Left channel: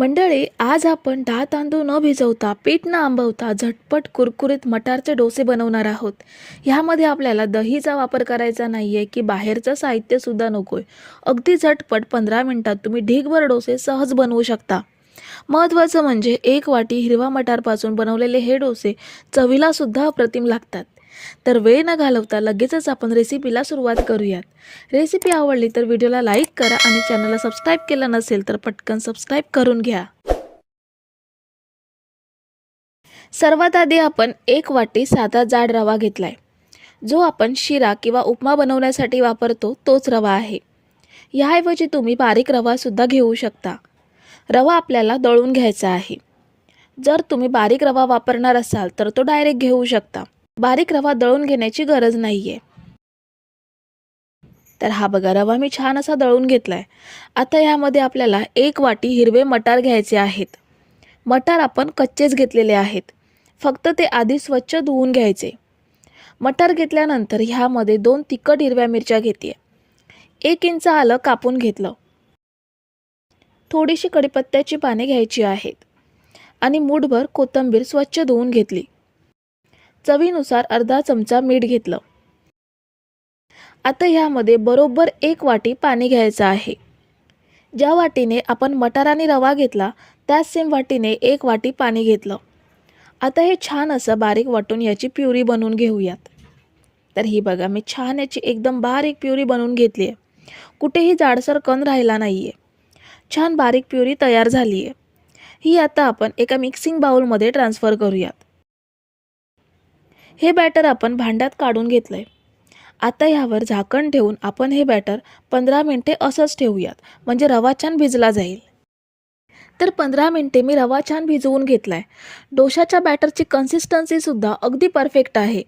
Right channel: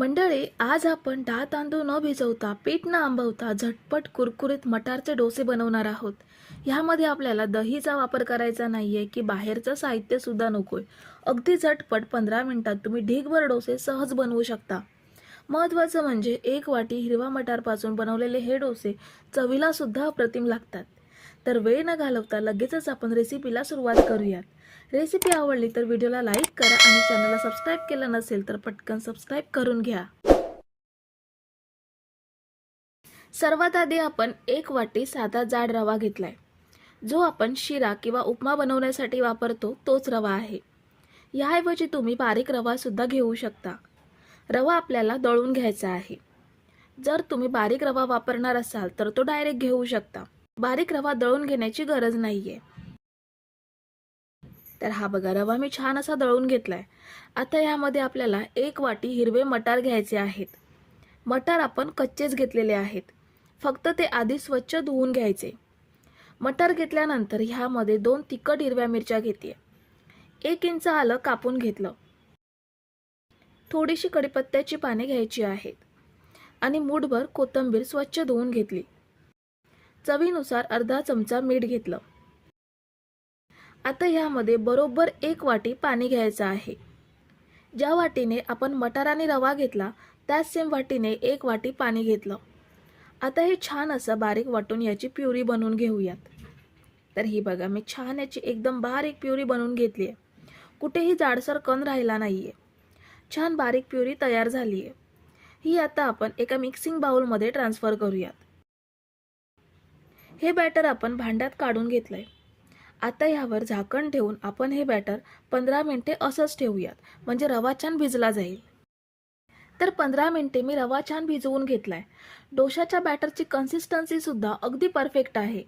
मंडळी आज आपण दहा तांदूळ न भिजवता पीठ न आंबवता झटपट कुरकुरीत मटारचे डोसे बनवणार आहोत. ह्यामध्ये आपल्याला दहीचा वापर करायचा नाही आहे की बाहेरचं साहित्यसुद्धा नको आहे अगदी झटपट पंधरा मिनटात तुम्ही ढीगभर डोसे सहज बनवू शकता. महत्त्वाचं म्हणजे एक वाटी हिरवा मटारपासून बनवलेले हे डोसे चवीलासुद्धा अप्रतिम लागतात. तर वेळ न घालवता लगेचच आपण रेसिपीला सुरुवात करूयात. रेसिपी आवडली तर व्हिडिओला लाईक करा आणि चॅनलला सबस्क्राईब केलं नसेल तर पटकन सबस्क्राईब करून घ्या. सर्वात आधी आपण एक वाटी साधा जाड रवा घेतलाय. जो आपण शिरा किंवा उपमा बनवण्यासाठी वापरतो तोच रवा आहे. याऐवजी तुम्ही बारीक रवासुद्धा घेऊ शकता. रवा आपल्याला दळून घ्यायचा आहे. जर तुम्ही बारीक रवा वापरणार असाल तर तो डायरेक्ट घेऊ शकता. बारीक रवा दळून घेण्याची गरज नाही आहे तर हा बघा रवा मी छान असा दळून घेतला आहे आता यामध्ये आपल्याला एक वाटी हिरवे मटार घ्यायचे आहेत. मटार आपण कच्चेच घेतलेले आहेत. फक्त ते आधी स्वच्छ धुवून घ्यायचे. मटार घेतल्यानंतर ह्यामध्ये दोन तिखट हिरव्या मिरच्या घेते एक इंच आलं कापून घेतलं. थोडीशी कडीपत्त्याची पाने घ्यायची आहेत. आणि मूठभर कोथिंबीर स्वच्छ धुवून घेतली. चवीनुसार अर्धा चमचा मीठ घेतलं. आता ह्यामध्ये बरोबर एक वाटी पाणी घ्यायचं आहे. ज्या वाटीने आपण मटार आणि रवा घेतला त्याच सेम वाटीने एक वाटी पाणी घेतलं. आता हे छान असं बारीक वाटून याची प्युरी बनवून घेऊयात. तर ही बघा मी छान याची एकदम बारीक प्युरी बनवून घेतली आहे. कुठेही जाडसर कण राहिला नाही आहे छान बारीक प्युरी तयार झाली आहे ही आता आपण एका मिक्सिंग बाउलमध्ये ट्रान्सफर करूयात. हे बॅटर आपण भांड्यात काढून घेतलं आहे आता ह्यावर झाकण ठेवून आपण हे बॅटर पंधरा मिनटे असंच ठेवूयात म्हणजे रवा छान भिजला जाईल. तर पंधरा मिनटे मी रवा छान भिजवून घेतला आहे डोशाच्या बॅटरची कन्सिस्टन्सीसुद्धा अगदी परफेक्ट आहे.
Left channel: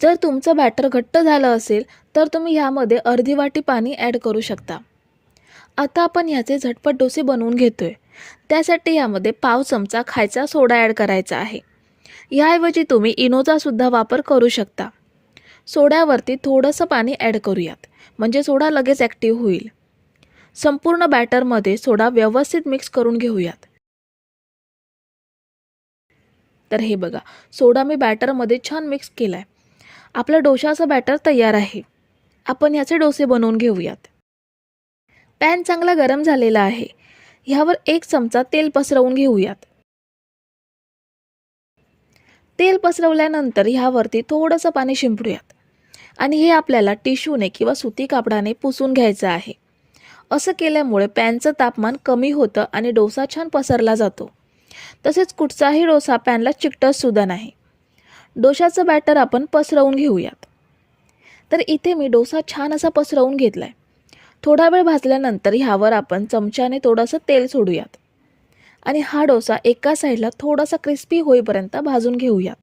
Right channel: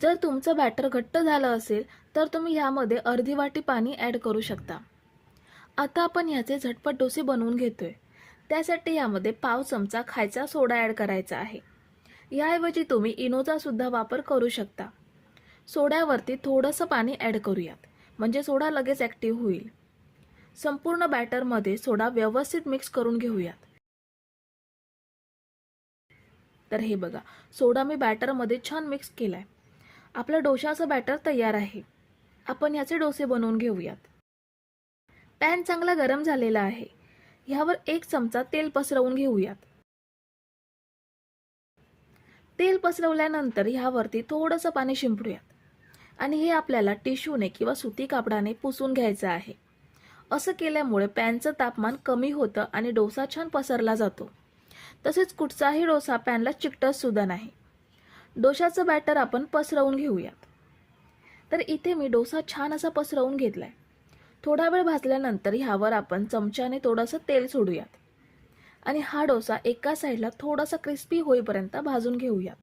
जर तुमचं बॅटर घट्ट झालं असेल तर तुम्ही ह्यामध्ये अर्धी वाटी पाणी ॲड करू शकता. आता आपण ह्याचे झटपट डोसे बनवून घेतोय. त्यासाठी यामध्ये पाव चमचा खायचा सोडा ॲड करायचा आहे. याऐवजी तुम्ही इनोचासुद्धा वापर करू शकता. सोड्यावरती थोडंसं पाणी ॲड करूयात. म्हणजे सोडा लगेच ॲक्टिव्ह होईल. संपूर्ण बॅटरमध्ये सोडा व्यवस्थित मिक्स करून घेऊयात. तर हे बघा सोडा मी बॅटरमध्ये छान मिक्स केला आहे आपलं डोशाचं बॅटर तयार आहे. आपण याचे डोसे बनवून घेऊयात. पॅन चांगला गरम झालेला आहे. ह्यावर एक चमचा तेल पसरवून घेऊयात. तेल पसरवल्यानंतर ह्यावरती थोडंसं पाणी शिंपडूयात. आणि हे आपल्याला टिश्यूने किंवा सुती कापडाने पुसून घ्यायचं आहे. असं केल्यामुळे पॅनचं तापमान कमी होतं आणि डोसा छान पसरला जातो. तसेच कुठचाही डोसा पॅनला चिकटतसुद्धा नाही. डोशाचं बॅटर आपण पसरवून घेऊयात. तर इथे मी डोसा छान असा पसरवून घेतला आहे थोडा वेळ भाजल्यानंतर ह्यावर आपण चमच्याने थोडंसं तेल सोडूयात. आणि हा डोसा एका साईडला थोडासा क्रिस्पी होईपर्यंत भाजून घेऊयात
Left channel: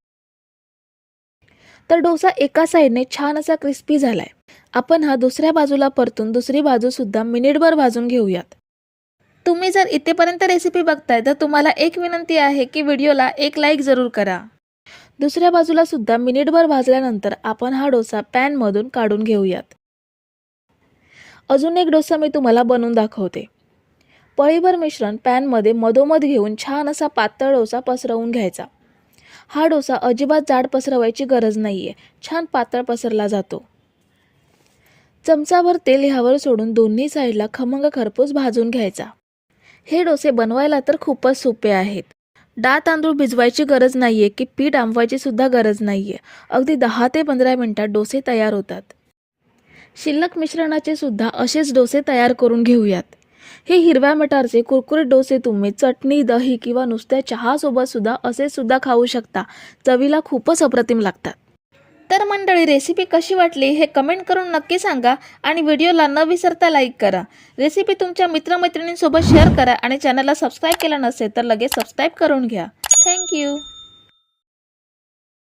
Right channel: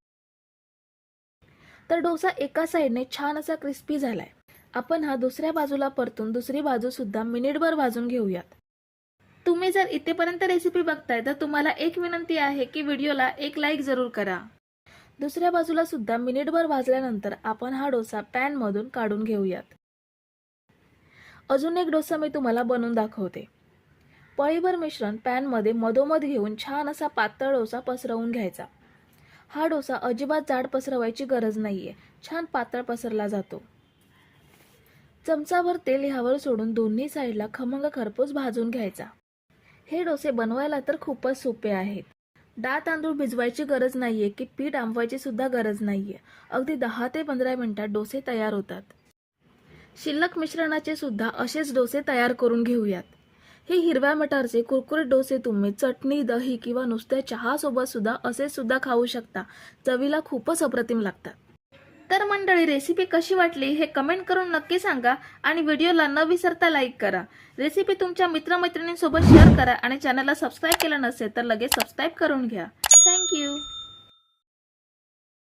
तर डोसा एका साईडने छान असा क्रिस्पी झालाय. आपण हा दुसऱ्या बाजूला परतून दुसरी बाजूसुद्धा मिनिटभर भाजून घेऊयात. तुम्ही जर इथेपर्यंत रेसिपी बघताय तर तुम्हाला एक विनंती आहे की व्हिडिओला एक लाईक जरूर करा. दुसऱ्या बाजूला सुद्धा मिनिटभर भाजल्यानंतर आपण हा डोसा पॅनमधून काढून घेऊयात. अजून एक डोसा मी तुम्हाला बनवून दाखवते. पळीभर मिश्रण पॅनमध्ये मधोमध घेऊन छान असा पातळ डोसा पसरवून घ्यायचा. हा डोसा अजिबात जाड पसरवायची गरज नाही आहे छान पातळ पसरला जातो. चमचाभर तेल ह्यावर सोडून दोन्ही साईडला खमंग खरपूस भाजून घ्यायचा. हे डोसे बनवायला तर खूपच सोपे आहेत. डाळ तांदूळ भिजवायची गरज नाही आहे की पीठ आंबवायची सुद्धा गरज नाही आहे अगदी दहा ते पंधरा मिनटात डोसे तयार होतात. शिल्लक मिश्रणाचे सुद्धा असेच डोसे तयार करून घेऊयात. हे हिरव्या मटारचे कुरकुरीत डोसे तुम्ही चटणी दही किंवा नुसत्या चहासोबत सुद्धा असे सुद्धा खाऊ शकता. चवीला खूपच अप्रतिम लागतात. तर मंडळी रेसिपी कशी वाटली हे कमेंट करून नक्की सांगा आणि व्हिडिओला न विसरता लाईक करा. रेसिपी तुमच्या मित्रमैत्रिणींसोबत शेअर करा आणि चॅनलला सबस्क्राईब केलं नसेल तर लगेच सबस्क्राईब करून घ्या. थँक्यू